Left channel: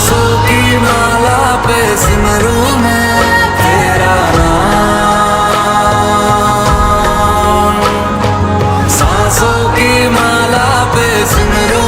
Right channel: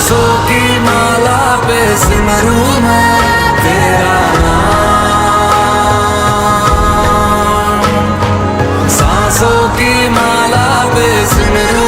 सांसों की माला पे सिमरू मैं तेरा नाम। सांसों की माला पे सिमरू